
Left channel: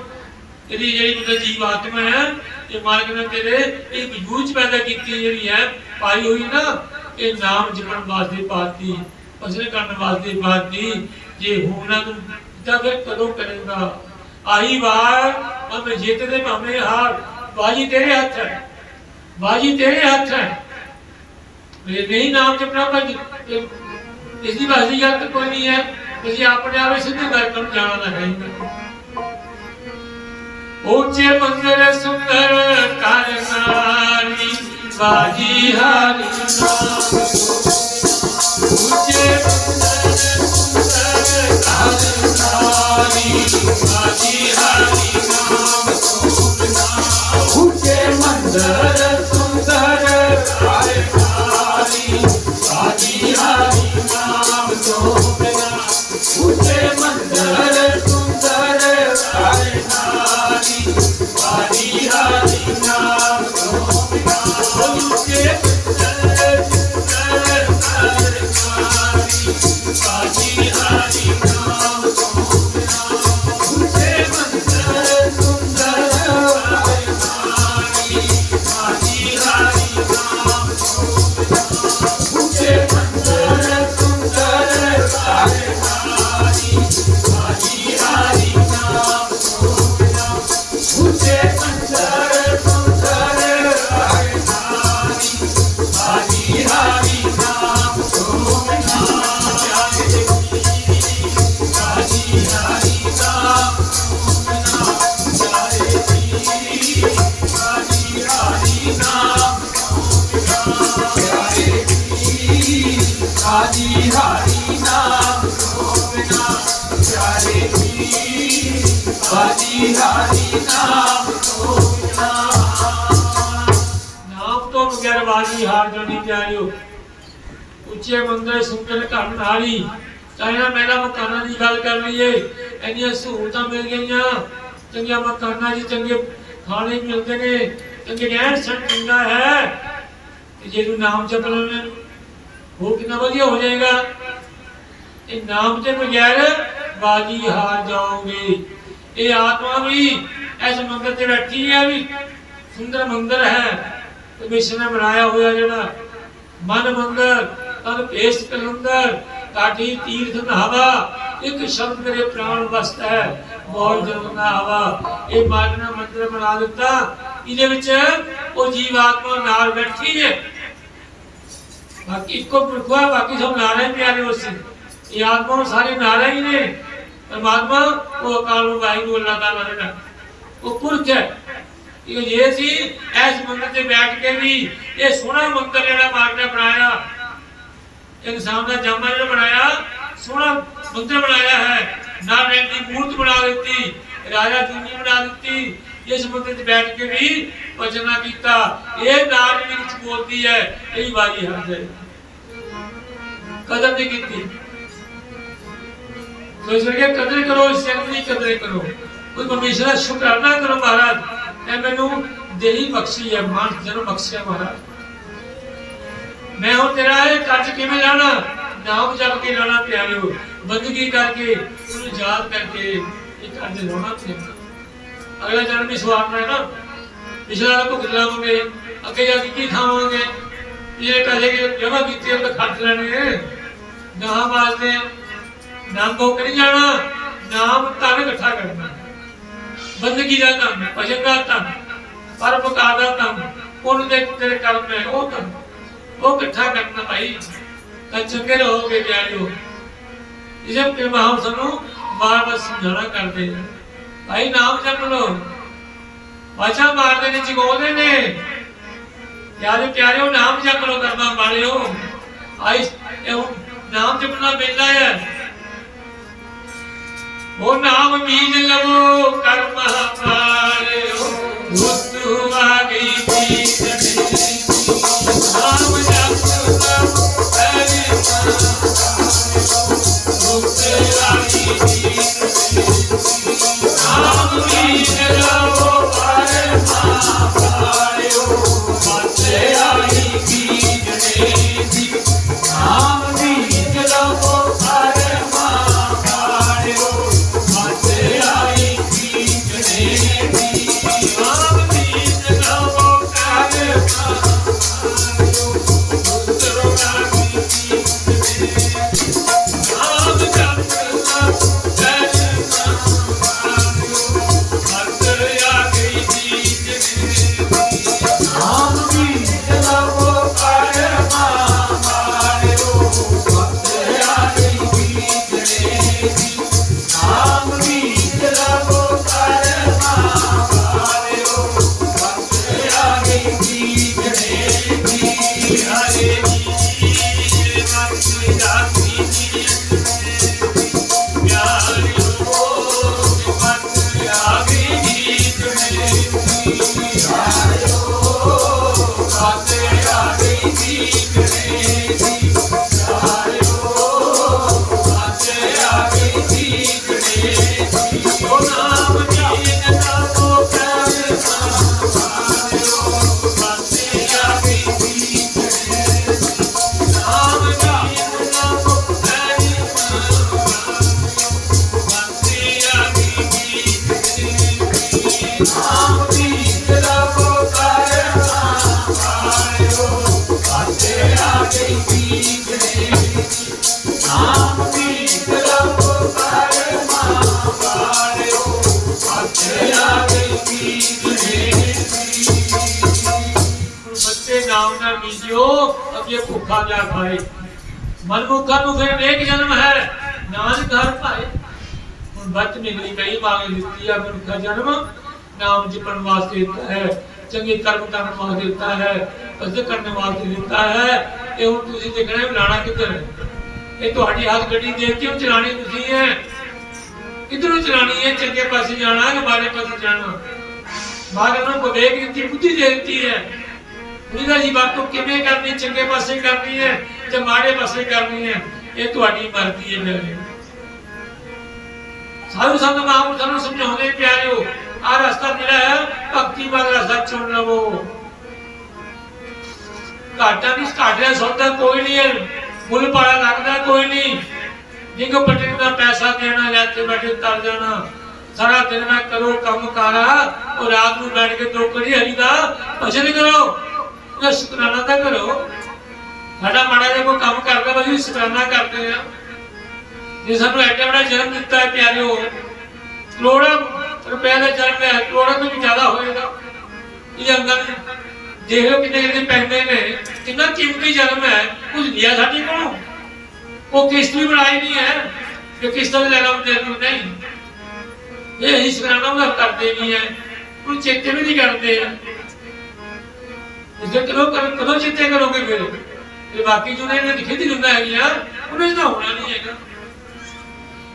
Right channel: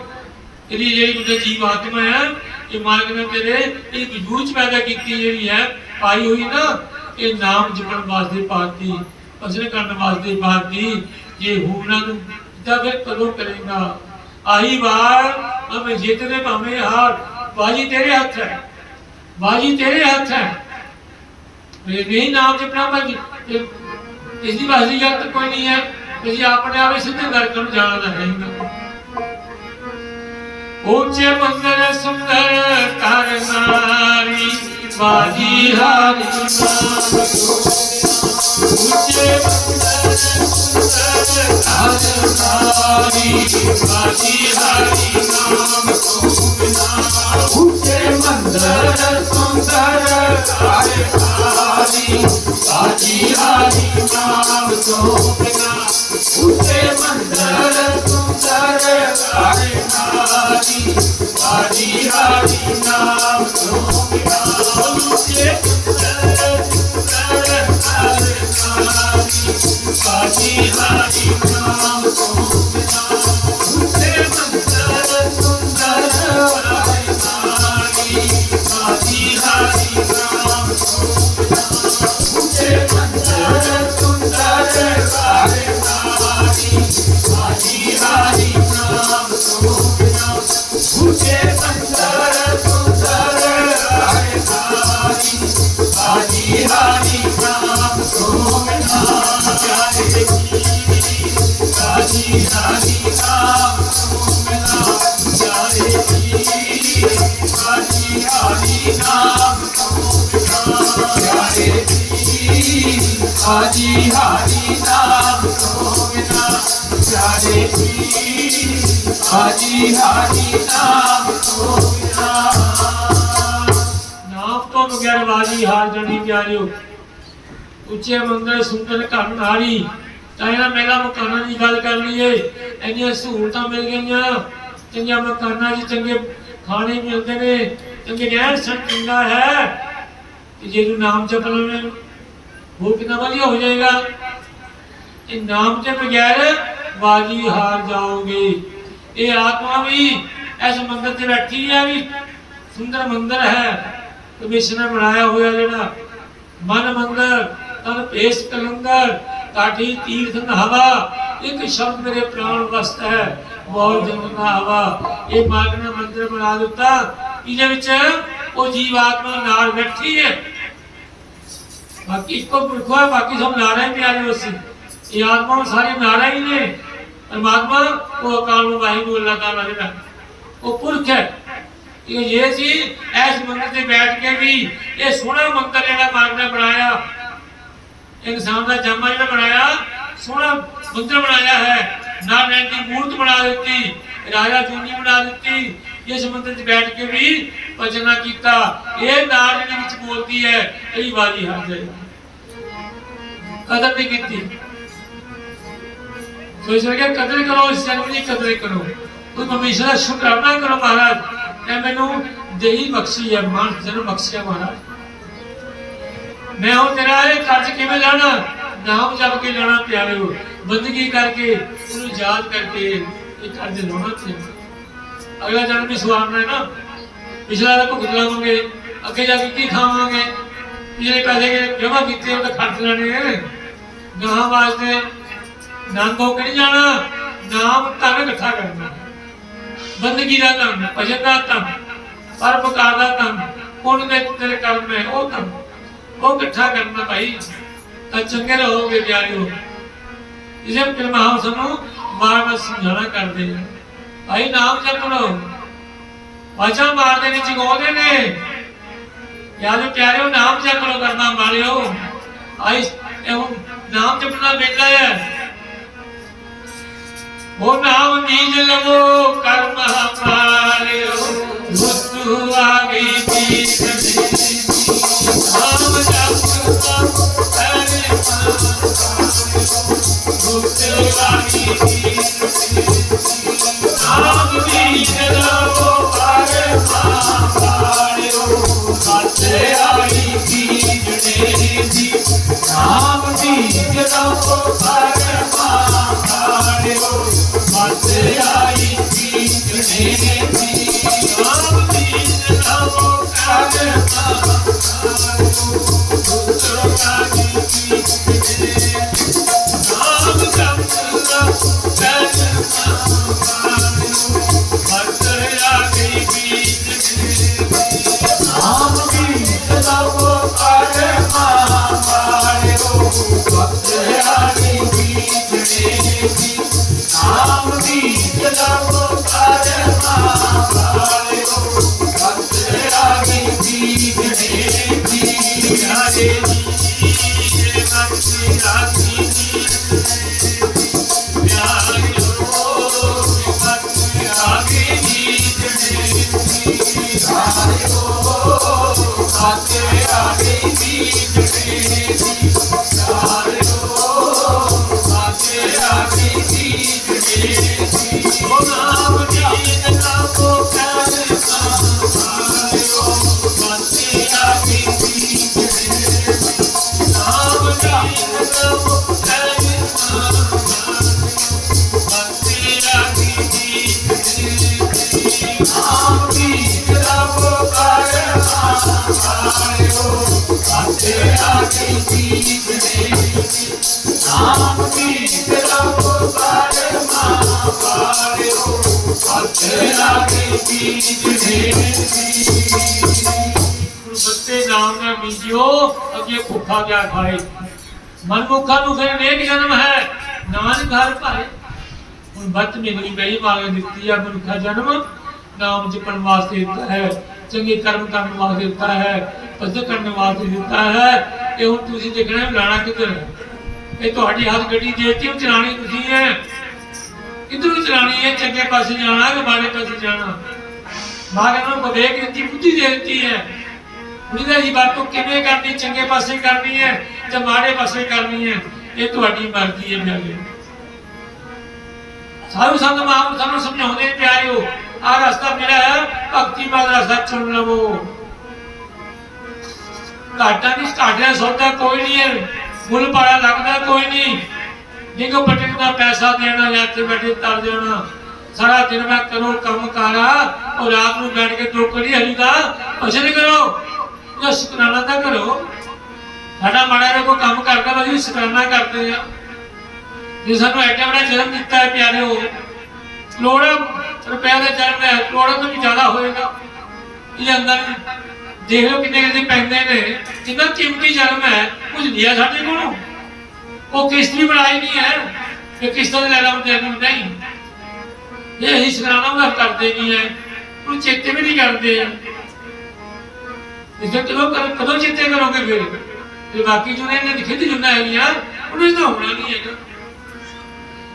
ਇਹਦੀ ਜਿਹੜੀ ਬੁੱਧ ਜੀਵ ਆਤਮਾ ਹੈ, ਇਹ ਮਾਲਕ ਨੇ ਤੇਰੇ ਇਹ ਵਜੂਦ ਪੈਦਾ ਕੀਤੀ ਜਿਹੜੀ ਹੈ, ਪਾਈ ਹੋਈ ਨਾ, ਇਹ ਨਾਮ ਜਪਣ ਵਾਸਤੇ ਪਾਤੀ, ਭਜਨ ਕਰਨ ਵਾਸਤੇ ਪਾਤੀ, ਜੇ ਹੋਣਾ ਤੂੰ ਤਾਂ ਕਦੋਂ ਕਰੇਗਾ? ਆਹੀ ਵਾਰ ਹਮੇ ਜਿੱਤਦੇ ਭਾਵੇਂ ਹਾਰ ਬਾਜੀ ਤੇਰੇ ਹੱਥ ਹੈ ਬਾਜੀ ਤੇਰੇ ਹੱਥ ਹੈ। ਇਹ ਨਹੀਂ ਨਾਮ ਜਪਣਾ ਪਰ ਇਸ ਦੀ ਵਾਸੀਅਤ ਕੋਈ ਨਹੀਂ ਹੈ, ਤੁਸੀਂ ਆਪਣੇ ਆਪ ਸਿੱਧੇ ਨਰਕ ਨੂੰ ਜਾਣਾ ਨਾ ਹੈ ਉੱਚੇ ਮੰਦਰ ਸੁੰਦਰ ਕਰ ਨਾਰੀ ਬਾਜੀ ਹਾਰੀ ਨਾਮ ਉੱਚੇ ਮੰਦਰ ਸੁੰਦਰ ਕਰ ਨਾਰੀ ਬਾਜੀ ਹਾਰੀ ਨਾਮ ਤੋਂ ਬਗੈਰ ਬਾਜੀ ਹਾਰ ਜਣੀ ਪਿਆਰਿਓ। ਉੱਚੇ ਮੰਦਰ ਸੁੰਦਰ ਘਰ ਨਾਰੀ, ਤਾਂ ਇਹਨਾਂ ਮਕਾਨਾਂ ਦੀ ਗੱਲ ਕਰ ਲਈਏ। ਇੰਨੀਆਂ ਸਹੂਲਤਾਂ ਮਿਲ ਗਈਆਂ। ਚੰਗੀਆਂ ਮਕਾਨਾਂ 'ਚ ਚੰਗੇ ਖਾਣੇ ਮਿਲਦੇ ਨੇ। ਚੰਗੇ ਰਹਿਣ ਸਹਿਣ ਚੰਗਾ ਹੈ। ਤੇ ਜੇ ਤੂੰ ਨਾਮ ਜਪ ਲਵੇਂ ਉਹ ਕਿੰਨਾ ਵਧੀਆ ਹੋ ਜਾਏਗਾ। ਇਹ ਨਾਮ ਦੇ ਬਗੈਰ ਬਾਜੀ ਹਾਰ ਜਾਓਗੇ। ਇਹ ਆਤਮਾ ਵੀ ਇਸ ਮੰਦਰ ਤੇ ਬੈਠੀ ਹੈ ਵੀ ਸੁੰਦਰ ਮੰਦਰ ਹੈ। ਪਰਮੇਸ਼ਰ ਨੇ ਬਣਾਇਆ ਹੋਇਆ ਜਿਹੜਾ ਮਨ ਮੰਦਰ, ਤਨ ਭੇਸ ਕਲੰਦਰ, ਕਾਠੀ ਤੀਰਥ ਨਹਾਵਾ, ਇੱਕ ਸ਼ਬਦ ਮੇਰੇ ਪ੍ਰਾਣ ਵਸਤ ਹੈ ਬਹੁਤ ਜਨਮ ਨਾ ਹਵਾ ਇਹ ਮਾਰਗ ਨੇ ਮੰਦਰ ਬਣਾ ਦਿੱਤਾ। ਇਹਦੇ ਵਿੱਚ ਉਹ ਜੀਵ ਆਤਮਾ ਨਾਲ ਬੈਠੀ ਹੈ। ਬਾਕੀ ਇੱਕੋ ਪੁਰਖੋ ਹੈ ਬਾਕੀ ਸਭ ਨਾਰਾ ਹੀ ਪਿਆਰੇ ਹੋਸੀ ਇਹ ਆਤਮਾ ਸਾਰੇ ਨਾਰਾ ਹੀ ਨੇ। ਪਰਮਾਤਮਾ ਉਹ ਅਕਾਲ ਨੂੰ ਵਾਹਿਗੁਰੂ ਅੱਲਾਹ ਤਾਲਾ ਜਿਹੜਾ ਉਹ ਪੁਰਖ ਹੈ। ਇਹ ਇਹ ਸੀ ਇਸ ਮੰਦਰ ਤੇ ਬੈਠ ਕੇ ਵੀ ਇਹ ਸੋਹਣਾ ਮੰਦਰ ਜਿਹੜਾ ਮਾਰਗ ਨੇ ਬਣਾਇਆ। ਇਨਸਾਨ ਦਾ ਜਾਮਾ ਜਿਹੜਾ ਬਣਾਇਆ, ਸੋਹਣਾ ਮੰਦਰ ਬਣਾਇਆ ਹੈ। ਨਾਰਾਇਣ ਦੀ ਮੂਰਤ ਬਣਾ ਦਿੱਤੀ, ਰਾਜਾ ਜੂਨੀ ਬਣਾ ਦਿੱਤੀ। ਇਸ ਮੰਦਰ 'ਚ ਬੈਠ ਕੇ ਵੀ ਭਜਨਾ ਕੀਤਾ। ਇਹ ਨਾਰ ਦੇ ਵਿੱਚ ਬੋਲਦੀ ਹੈ ਇਹ ਵਾਰੀ ਹੱਥ ਹੈ ਕਦਰ ਨਹੀਂ ਕੀਤੀ। ਸੋ ਇਸ ਕਰਕੇ ਕਦਰ ਕਰੋ ਇਸ ਜਨਮ ਦੀ ਕਦਰ ਕਰੋ ਕੋਈ ਪਰਮੇਸ਼ਰ ਦਾ ਸ਼ੁਕਰਾਨਾ ਕਰੋ ਮਹਾਰਾਜ ਤੇ ਮੈਨੂੰ ਦੇਹੀ ਬਖਸ਼ੀ ਹੈ ਮਾਨ ਜਨਮ ਬਖਸ਼ਿਆ ਮਹਾਰਾਜ ਮੈਂ ਹੁਣ ਤੇਰਾ ਇਹ ਕਰਜ਼ ਕਿਵੇਂ ਲਾਣਾ ਨਾਮ ਜਪ ਕੇ ਲਾਣਾ ਪਿਆਰਿਓ ਬੰਦਗੀ ਕਰਕੇ ਉਹਨੂੰ ਯਾਦ ਕਰਕੇ ਇਹ ਕਰਜ਼ ਲਾਉਣਾ ਪਿਆਰਿਓ ਅਗਲਾ ਜਨਮ ਵੀ ਸਵਾਰਨਾ ਹੈ ਨਾ ਪਿਛਲਾ ਤਾਂ ਭੁਗਤ ਲਾਵਾਂਗੇ ਅੱਗੇ ਜਾ ਕੇ ਕੀ ਖਾਵਾਂਗੇ ਜਿਹੜੇ ਪੈਸੇ ਕਿ ਜਮਾ ਕੀਤੇ ਉਹ ਤਾਂ ਖਰਚ ਲੈਣੇ ਗਾਹਾਂ ਵਾਸਤੇ ਨਾਮ ਭੋਗ ਨਹੀਂ ਜਾਣਾ ਨਾਮ ਤਾਂ ਇਕੱਠਾ ਕਰਨਾ। ਬੰਦਗੀ ਦਾ ਕੰਮ ਭਜਨ ਦਾ ਕੰਮ ਪਰਪਕਾਰ ਦਾ ਕੰਮ ਉਹਨੂੰ ਦੇ ਤੇਰੇ ਕਰਮ ਹੈ, ਉਹ ਕੰਮ ਉਹ ਇਕੱਠਾ ਕਰਨਾ ਭਾਈ। ਤਾਂ ਚੰਗੇ ਰਹੋਗੇ ਪਿਆਰਿਓ ਇਸੇ ਕਿ। ਮਹਾਮ ਸਾਨੂੰ ਬਾਰ ਬਾਰ ਸਮਝਾਣਾ ਕਰਦੇ ਨੇ। ਭਾਈ ਨਾਮ ਜਪ ਲੋ ਵਾਚਾ ਮਾਰਦੇ ਨੇ, ਜਗਾਉਂਦੇ ਨੇ। ਯਾਰ ਪਿਆਰਿਓ ਨਾਮ ਜਪ ਲਓ ਕਰਨਾ ਵਾਲਿਓ। ਆਈ, ਇਹ ਨਾਮ ਜਪਣਾ ਬੇਲਾ ਹੈ। ਉਹ ਨਾਮ ਬੀਜ ਲਵੋ, ਕਰਮ ਹਮਾਰਿਓ ਵਸਤੂ ਆ ਗਈ ਬੀਜ ਨਾਮ ਜਪ ਲੋ ਹਰੇ ਰੁਤੇ ਵਾਲੀ ਨਾ ਬੀਜਿਓ ਅੱਗੇ ਭੁੱਖਾ ਜਾ ਖਾਏ ਮਨਮੁਖਾਂ ਨੂੰ ਫਿਰ ਨੇਕ ਜਨਮ ਹੈ ਨਾਨਕ ਹਰ ਭਾਏ ਹੁਣ ਬੱਤ ਮਿਲਣੀ ਪਈ ਮਾਗ ਦਿੱਤੀ ਆ ਮਨੁੱਖਾ ਜਨਮ ਨਾਮ ਜਪਣ ਵਾਸਤੇ ਦਿੱਤਾ ਹੈ ਚੰਗੇ ਕਰਮ ਕਰਨ ਵਾਸਤੇ ਦਿੱਤਾ ਹੈ ਭਜਨ ਕਰਨ ਵਾਸਤੇ ਦਿੱਤਾ ਹੈ ਇਹ ਹੁਣ ਤੁਸੀਂ ਦੇਖਣਾ ਵੀ ਲਾਣਾ ਕਿੱਧਰ ਹੈ ਇਹ ਤੁਹਾਡੀ ਹੱਥ ਗੱਡੀ ਦੇ ਕੇ ਚਲਾਣੀ ਤੁਸੀਂ ਹੈ ਕਿੱਧਰ ਨੂੰ ਚਲਾਣੀ ਹੈ ਚੰਗੇ ਪਾਸੇ ਜਾਣਾ ਕਿ ਮਾੜੇ ਪਾਸੇ ਜਾਣਾ ਮਾਗ ਨੂੰ ਵਿਵੇਕ ਦਿੱਤੀ ਬੁੱਧੀ ਦੇ ਦਿੱਤੀ ਹੈ ਉਹਦਾ ਜੀ ਵਰਤੋਂ ਕਿਵੇਂ ਕਰਨੀ? ਚੰਗੇ ਪਾਸੇ ਕਰਨੀ ਹੈ ਜਾਂ ਮਾੜੇ ਪਾਸੇ ਕਰਨੀ ਹੈ? ਇਹ ਤੁਹਾਡੀ ਮਰਜ਼ੀ ਹੈ ਮੇਰੇ ਸਾਧੂ ਸੰਤ, ਮਹਾਂਪੁਰਖ ਸਾਨੂੰ ਸਮਝਾਉਂਦੇ ਪਿਆਰਿਓ ਆ ਰਸਤਾ ਜਿਹੜਾ ਭਗਤੀ ਮਾਰਗ ਰਸਤਾ ਚੁਣ ਲਵੋ। ਘਾਟਾ ਨਹੀਂ ਘਾਟਿਆ ਸੌਦਾ ਕੋਈ ਨਹੀਂ ਹੈ ਮੁੱਲ ਪਾਇਆ ਲੱਗਦਾ ਕੋਈ ਨਹੀਂ। ਜਿੰਗੋ ਪਟਿਕ ਦਾ ਪੈਸਾ ਦੇਣਾ, ਲੈ ਕੇ ਬੈਠੇ ਤਰ ਜਾਣਾ। ਸਾਰਾ ਦਿਨ ਮੈਂ ਕਰੋ ਕੰਮ ਕਾਰਾ ਔਰ ਰਾਤ ਨੂੰ ਬੈਠ ਕੇ ਦੋ ਕੜੀ ਹਰੀ ਦਾ ਭਜਨ ਕਰੋ। ਉਹਦਾ ਸ਼ੁਕਰਾਨਾ ਤਾਂ ਕਰੋ। ਸਾਡਾ ਮਾੜਾ ਜਿਹਾ ਕੋਈ ਕੰਮ ਕਰਦਾ ਵਾ ਅਸੀਂ ਸ਼ੁਕਰਾਨਾ ਕਰਦੇ ਆ ਜੇ ਸਾਨੂੰ ਐਡਾ ਬੜਾ ਜਨਮ ਦਿੱਤਾ ਹੈ ਪਿਆਰਿਓ ਕਰੋੜਾਂ ਰੁਪਏ ਦਾ ਜਨਮ ਹੈ, ਕਰੋੜਾਂ ਤੋਂ ਵੀ ਜ਼ਿਆਦਾ ਹੋਏਗਾ। ਇਹ ਅੰਦਰ ਦੇਖ ਕਿੰਨੇ ਕਿੰਨੇ ਪੈਂਦੇ ਨੇ, ਕਿੰਨਾ ਕੀਮਤੀ ਜਨਮ ਹੈ, ਕੁਝ ਲਿਆ ਸਾਡੇ ਕੋਲੋਂ। ਉਹ ਕਿਸ਼ਤ ਵੀ ਬਣਾਈ ਨਹੀਂ ਹੈ ਕਿ ਕਿਸ਼ਤਾਂ ਦੇ ਲੈਣਾ ਦੇ ਨਹੀਂ। ਇਹ ਹੀ ਸ਼ੁਕਰਾਨਾ ਮੈਂ ਕਰਦੇ ਨਹੀਂ ਹੈ ਉਹ ਚੇਤੇ ਵੀ ਨਹੀਂ ਕਰਦੇ ਆ। ਜੇ ਕਦੋਂ ਕਦੋਂ ਚੇਤੇ ਕਰੋਗੇ ਫਿਰ? ਤੇ ਬਾਕੀ ਜੋ ਨੇ ਲਿਖੇ ਦੀ ਜੁਨਾ ਹੈਗੀਆਂ, ਉਹਨਾਂ ਦਾ ਹੋਣਾ ਨਹੀਂ ਹੈਗਾ।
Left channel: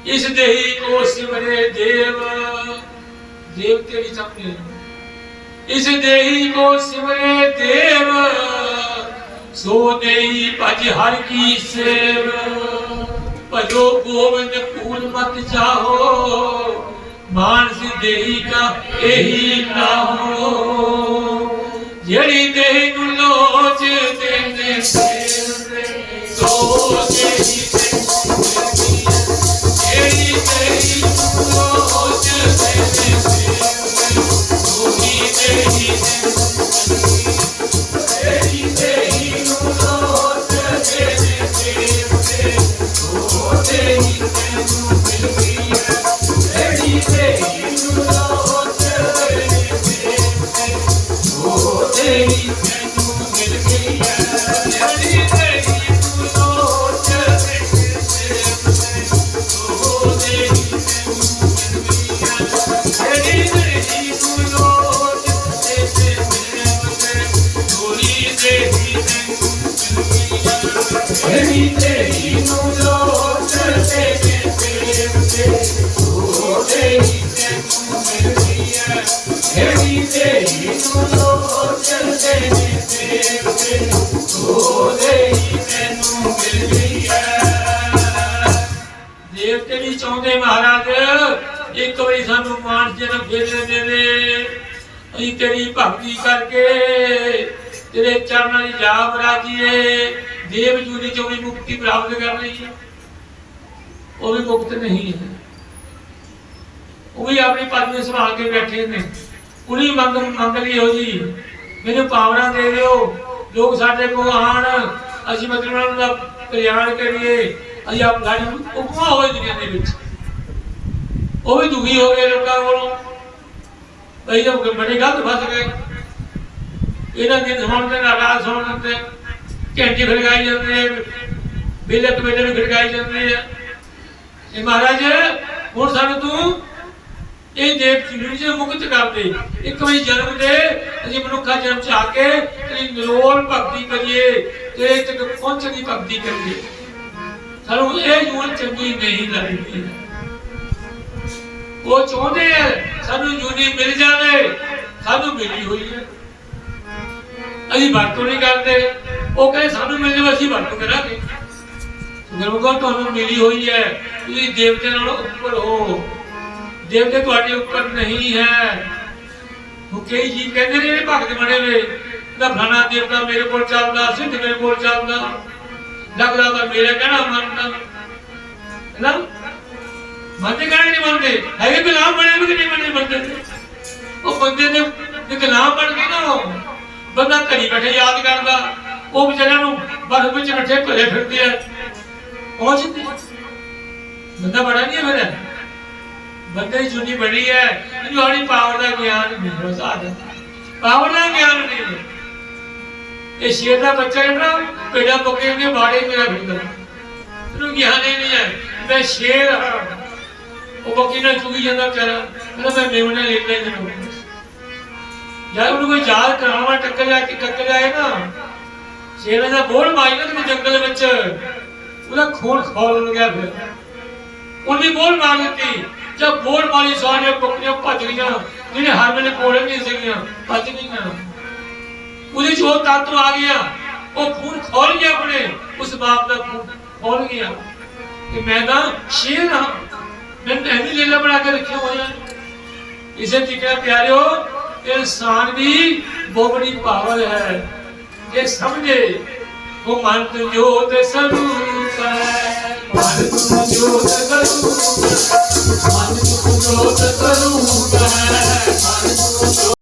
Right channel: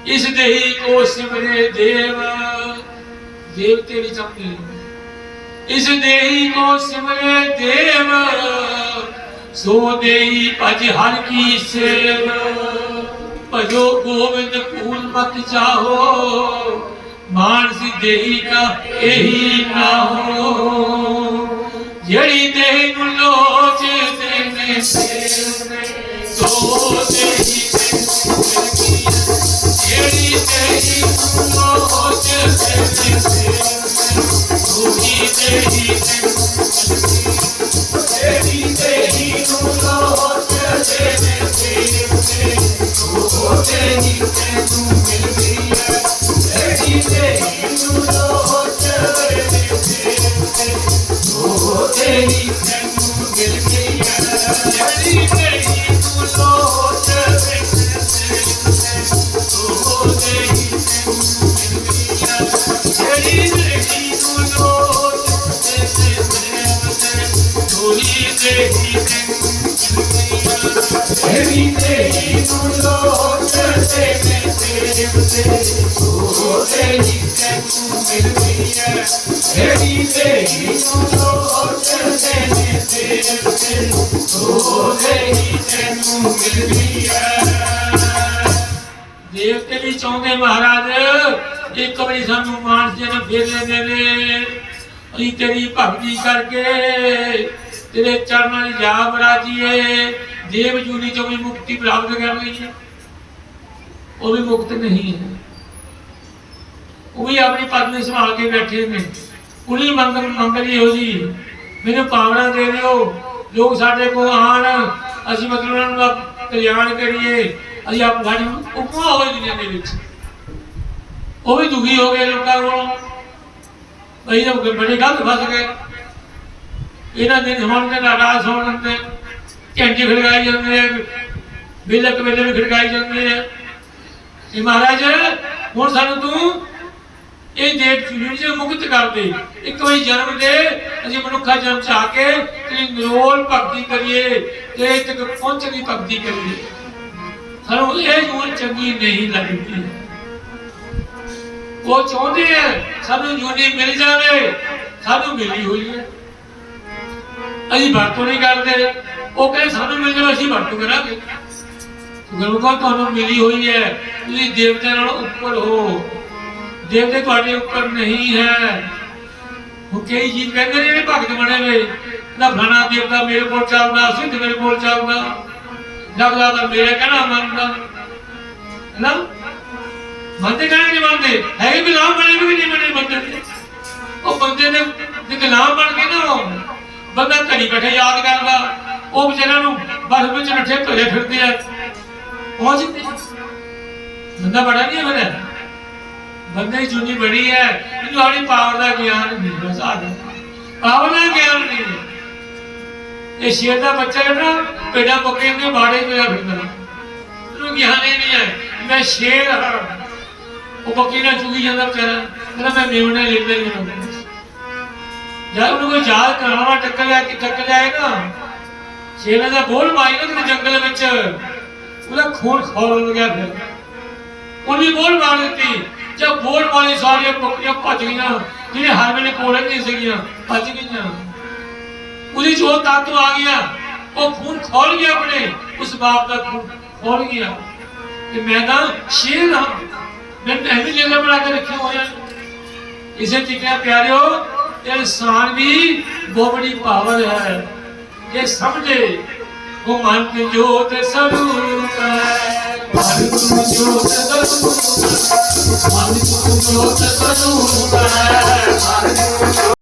ਇਸ ਦੇਹੀ ਕੋ ਸਿਮਰੇ ਦੇਵ, ਦੇਵਤੇ ਵੀ ਚਾਹੁੰਦੇ ਇਸ ਦੇਹੀ ਕੋ ਸਿਮਰੇ ਦੇਵ, ਸੋ ਦੇਹੀ ਭਜ ਹਰ ਕੀ ਸੇਵ। ਭਜੋ ਗੋਬਿੰਦ ਕੂਲ ਮਤ ਚਾਹੋ, ਮਾਨਸ ਦੇਹੀ ਕਾ ਇਹੀ ਨਾਹੋ। ਜਿਹੜੀ ਦੇਹ ਨੂੰ ਲੋਚ ਦੇਨੇ ਸੋ ਦੇਹੀ ਸੋ ਤੇਰੀ ਦੇਵਤੇ ਵੀ ਚਾਹੁੰਦੇ ਮਹਾਰਾਜ ਇੱਕ ਵਾਰੀ ਸਾਨੂੰ ਮਾਨਸ ਜਨਮ ਫੇਰ ਲੈਂਦੇ ਨੇ ਅਸੀਂ ਤੇਰੀ ਭਗਤੀ ਕਰਕੇ ਤੇਰੇ ਚਰਨਾਂ ਦੀ ਜਾਬ ਰਾਜੀਏ ਦੇਵ ਜੂਨੀ ਚੋਂ ਵੀ ਮੁਕਤੀ ਪ੍ਰਾਪਤ ਕਰ ਲਈਏ। ਉਹ ਵੀ ਮੁਕਤ ਨਹੀਂ ਹੈ। ਉਹ ਵੀ ਆਪਣੀ ਪਦਵੀ ਸੰਭਾਲ ਕੇ ਬੈਠੇ ਨੇ। ਉਹਨੀ ਮੰਗ ਮੰਗ ਲਈ ਹੋ। ਜੀ ਮੈਨੂੰ ਪਾਵਨਾ ਦੇ ਦਿਓ, ਲੋਕ ਸਾਡੇ ਕੋਲ ਆਣ ਅਸੀਂ ਮਤਲਬ ਉਹਨਾਂ ਨੂੰ ਕਲਿਆਣ ਕਰੀਏ, ਅਸੀਂ ਆਪ ਸਾਡੀ ਉਪਮਾ ਹੋਈ ਦੁਨੀਆ ਦੇ ਵਿੱਚ। ਉਹ ਵੀ ਦੁਖੀ ਹੋ ਗਏ ਲੋਕਾਂ ਕੋਲੋਂ। ਅਸੀਂ ਤਾਂ ਬੜੇ ਗਲਤ ਫਸ ਗਏ। ਇਹਨਾਂ ਦੇ ਹੁਣ ਦੇ ਨਾਰਾਜ਼ ਹੋਣ ਤੇ ਘੰਟੇ ਖੜਕਾਈ ਜਾਂਦੇ ਬਿਲਕ ਵੇਲੇ ਵੀ ਖੜਕਾਈ ਜਾਂਦੇ ਆ। ਇਹ ਮਹਾਰਾਜ, ਹੁਣ ਸਾਨੂੰ ਤੂੰ ਇਹ ਦੇਵ ਚੁਣੀ ਮੁਕਤ ਕਰ ਦੇ। ਇੱਕ ਵਾਰੀ ਜਨਮ ਦੇ, ਅਸੀਂ ਮਨੁੱਖਾ ਜਨਮ ਚ ਆ ਕੇ ਤੇਰੀ ਨਿਰੋਲ ਭਗਤੀ ਕਰੀਏ। ਤੇ ਤੱਕ ਪਹੁੰਚਣ ਦੀ ਭਗਤੀ ਕਰੀਏ, ਸਾਨੂੰ ਇਹ ਜੂਨ ਚੰਗੀ ਨਹੀਂ ਲੱਗਦੀ। ਉਹ ਚਾਹੁੰਦੇ ਆ, ਸਾਨੂੰ ਜੂਨੀ ਮਿਲ ਜਾਵੇ, ਸਾਨੂੰ ਮਿਲੀ ਹੋਈ ਹੈ। ਅਸੀਂ ਵਰਤੋਂ ਨਹੀਂ ਕਰਦੇ, ਉਹ ਕਹਿੰਦੇ ਸਾਨੂੰ ਮਿਲ ਜਾਵੇ, ਅਸੀਂ ਵਰਤੋਂ ਕਰਾਂਗੇ। ਗੁਰਮੁਖਾ ਤੁਹਾਨੂੰ ਮਿਲੀ ਹੋਈ ਹੈ, ਤੁਸੀਂ ਦੇਵਤੇ ਨਾਲ ਉੱਪਰ ਹੋ। ਦੇਵਤੇ ਤੁਹਾਡੇ ਉੱਪਰ ਨਹੀਂ ਹੈ। ਉਹ ਕਈ ਜੀ ਕਹਿੰਦੇ ਨੇ ਭਗਤ ਬਣੇ ਵੇ ਨਾ ਫਲਾਣਾ ਦੇਵਤਾ ਮੇਰੇ ਕੋਲ ਚੱਲਦਾ, ਸਿੱਧ ਮੇਰੇ ਕੋਲ ਚੱਲਦਾ। ਲੱਗਦਾ ਤਾਂ ਮੇਰਾ ਕਹਿਣਾ ਮੰਨਦਾ। ਹੈਨਾ ਮੰਨਦੇ ਕਹਿਣਾ ਨਹੀਂ ਮੰਨਦੇ। ਹੈਗੇ ਗੁਲਾਮ ਬਣੇ ਵੀ ਨਹੀਂ ਬਣੇ ਬੰਦੇ ਉਹ ਬੰਦੇ ਦੇ ਦੇ ਗੁਲਾਮ ਬਣ ਕੇ ਨਾ ਉਹ। ਬੰਦਾ ਘੜੀ ਬੈਠੇ ਯਾਦ ਕਰਦਾ। ਉਹ ਵਿਚਾਰਿਆਂ ਨੂੰ ਬਸ ਵਿੱਚ ਬੈਠੇ ਭਰੇ ਫਿਰਦੇ ਆ। ਪਹੁੰਚਦੇ ਬੰਦਾ ਬੜਾ ਨਹੀਂ ਹੈ ਮੇਰਾ ਬੰਦੇ ਦੀ ਜੁਨੀ ਬੜੀ ਹੈ। ਇਹਨੂੰ ਆਪਣੀ ਪਾਵਰ ਦਾ ਗਿਆਨ ਨਹੀਂ ਬਸ ਆ ਗਿਆ। ਪਾਵਰ ਦਾ ਗਿਆਨ ਨਹੀਂ ਇਹ ਸ਼ੇਰ ਦਾ ਬੱਚਾ ਹੈ ਨਾ ਪੇੜਾ ਬੱਕਰੇ ਦੇ ਬਾੜੇ ਤੋਂ ਫਿਰਦਾ ਇਹਨੂੰ ਗਿਆਨ ਹੀ ਨਹੀਂ ਹੈ ਮੈਂ ਸ਼ੇਰ ਹਾਂ। ਉਹ ਬੱਕਰੀ ਨਾਲ ਚੁਗੀ ਜਾਂਦਾ ਵਿਚਾਰਾ। ਕਹਿੰਦਾ ਮੈਂ ਮੇਵਣੇ ਲੈਂਦਾ ਹੀ ਨਹੀਂ ਜਦ ਉਹਨੂੰ ਕੋਈ ਯਾਦ ਕਰਾਵਾ, ਟੱਕਰ ਲਿਆ ਕਿ ਟੱਕਰ ਲਿਆ ਨਾ, ਸ਼ੇਰ ਦਾ ਬੋਲ ਮਾਰੀ ਨਾ ਕਿਤੇ ਜੰਗਲ ਵਿੱਚ। ਉਹਦਾ ਖੂਨ ਖੋਲ ਗਿਆ ਫਿਰ। ਉਹਨੇ ਬੋਲ ਮਾਰ ਦਿੱਤੀ। ਜਦ ਬੋਲ ਮਾਰੀ, ਸਾਰੀਆਂ ਬੱਕਰੀਆਂ ਭੱਜ ਗਈਆਂ। ਜਿਹੜੇ ਹਰ ਵੇਲੇ ਕੋਲੇ ਨਹੀਂ ਸੀਗੀਆਂ, ਭੱਜ ਗਈਆਂ। ਉਹਦੀ ਜੋ ਤਾਕਤ ਆ ਗਿਆ, ਉਹ ਖੂਨ ਖੋਲ ਗਿਆ ਆਪਣੇ, ਉਸ ਬਾਪ ਦਾ ਖੂਨ ਖੋਲ ਗਿਆ। ਕਿ ਮੈਂ ਤਾਂ ਸ਼ੇਰ ਹਾਂ। ਮੈਂ ਪਹਿਲੀ ਜੇਲਾ ਬਣਾ ਕੇ ਰੱਖਿਆ ਹੋਇਆ। ਇਸੇ ਤਰੀਕੇ ਪਿਆਰਿਓ ਇਨਸਾਨ ਦੀ ਬਹੁਤ ਬੜੀ ਪਾਵਰ ਹੈ। ਇਹ ਸਮਝੇ, ਉਹ ਮਨ ਕੇ ਜੋਤ ਸਰੂਪ ਹੈ। ਮਨ ਤੁਮ ਜੋਤ ਸਰੂਪ ਹੈ। ਮਨ ਤੁਮ ਜੋਤ ਸਰੂਪ ਹੈ।